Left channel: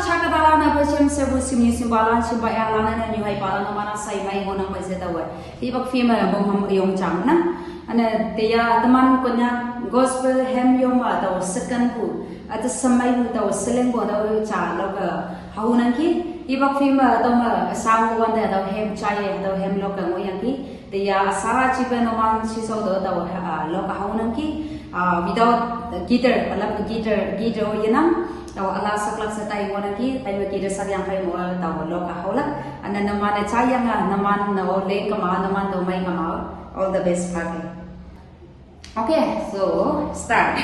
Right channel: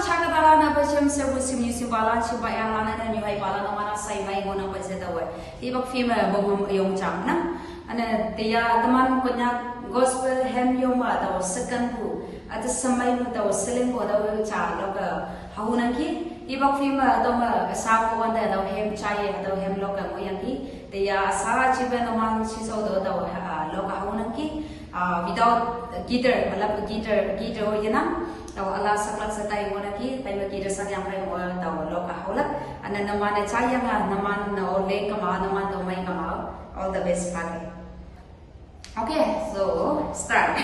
chaka balana pasem sebu simni simbalan simbaya lana na nyuhai balana mana sai mai ngonang baje dawe ibak fima bom yong chang na ane teya teman konya gospel hem yoma daw second bu at samai bu daw seleng bo daw cha loka haunan ki ibak fima daw ma sang wanda daw hem chai daw hem loka ngoyang ki teya sa chiben omang siso daw loka haunan ki without guitar alap guitar yanam tahu Allah saklak setai orang ki, tapi kita sakyang fai mo tahu loka haula, anda nama na cayang nama na ole kama nama to mai kama, all the best party. Okay, so start.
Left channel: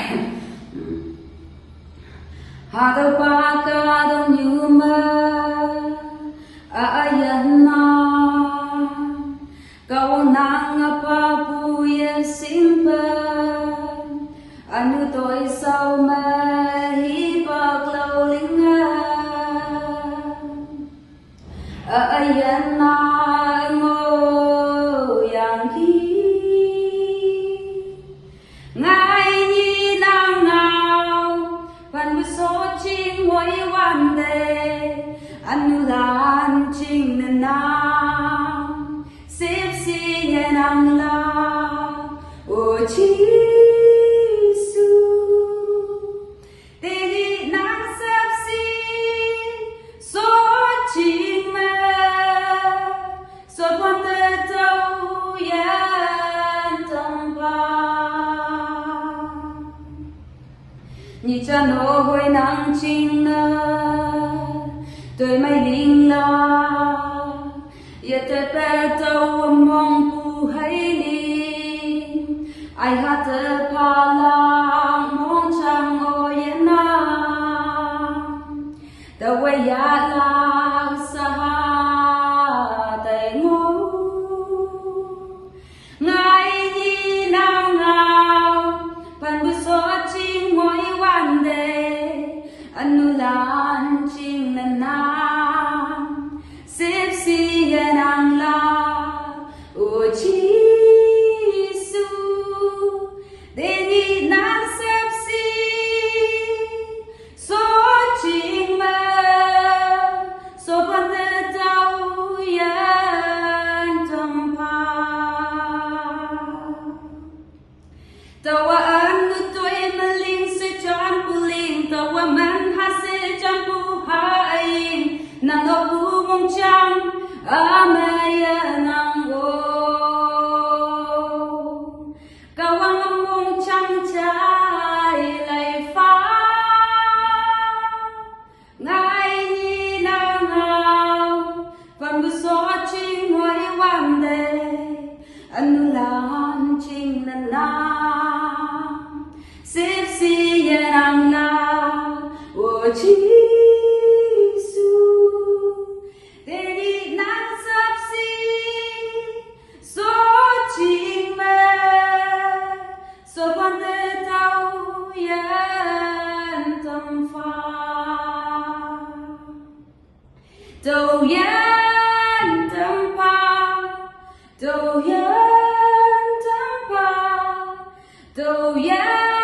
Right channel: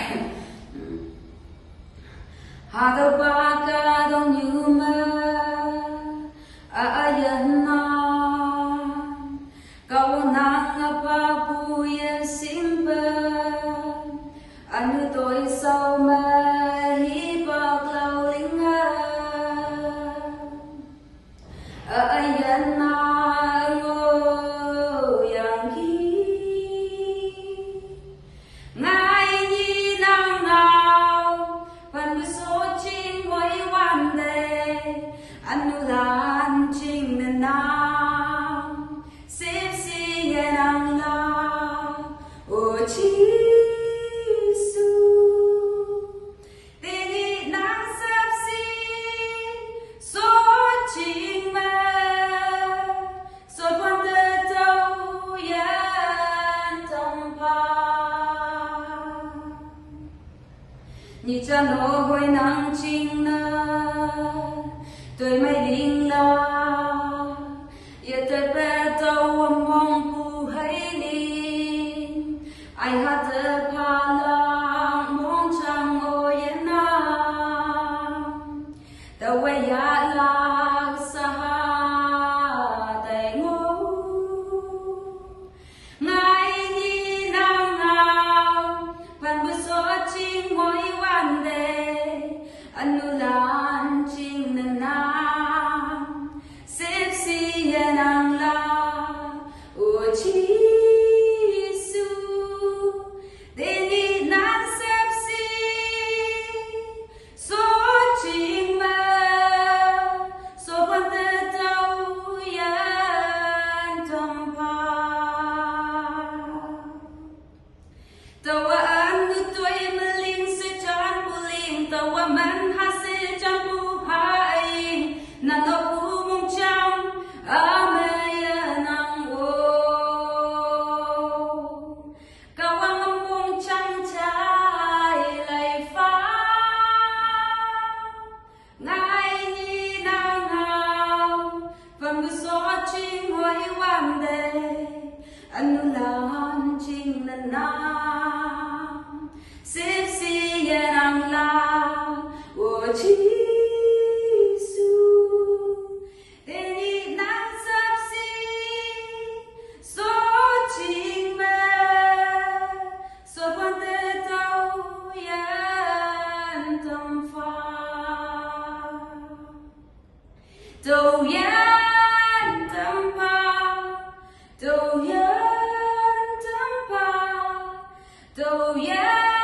Hagapa ka dong yuma ayana, kau nang apa puya simpan. Anu tôi sau mà hi bạc lâu linh ai yên na ngô yang ki ngài nhi nang nào phần bữa số chinh mỗiวันđề anu đàn chinh nên nam xếp xi nhẹ nang la ô chi nhị cha nô hồi nắng chinh nơ tôi mây linh la ya tôi bé tàu mong cu hay linh ai hát tơ pa lang mong chang ô yên na tàu quay ya lang sa ha tay ngô ngài nhị nam nào phần bữa số chinh mỗiวันเดanu lan ching na nam sip si nang la o chi su de ni nang sip si so ching ma so ban de tao yan tam pa tao anu tôi mà linh sẽ chọn puling tao man ha sẽ chọn pu hai nang ngô pu mong chăm amaya nang go cao ang mong chăm trái lại phá ngài ni nang nào phần bữa số chinh mỗiวันđề anu lan chinh na na sip si yang la o chi su de ni nang sap si so ching ma so quan te tao yan tâm pha tao yan tâm pha tao yan tâm pha tao yan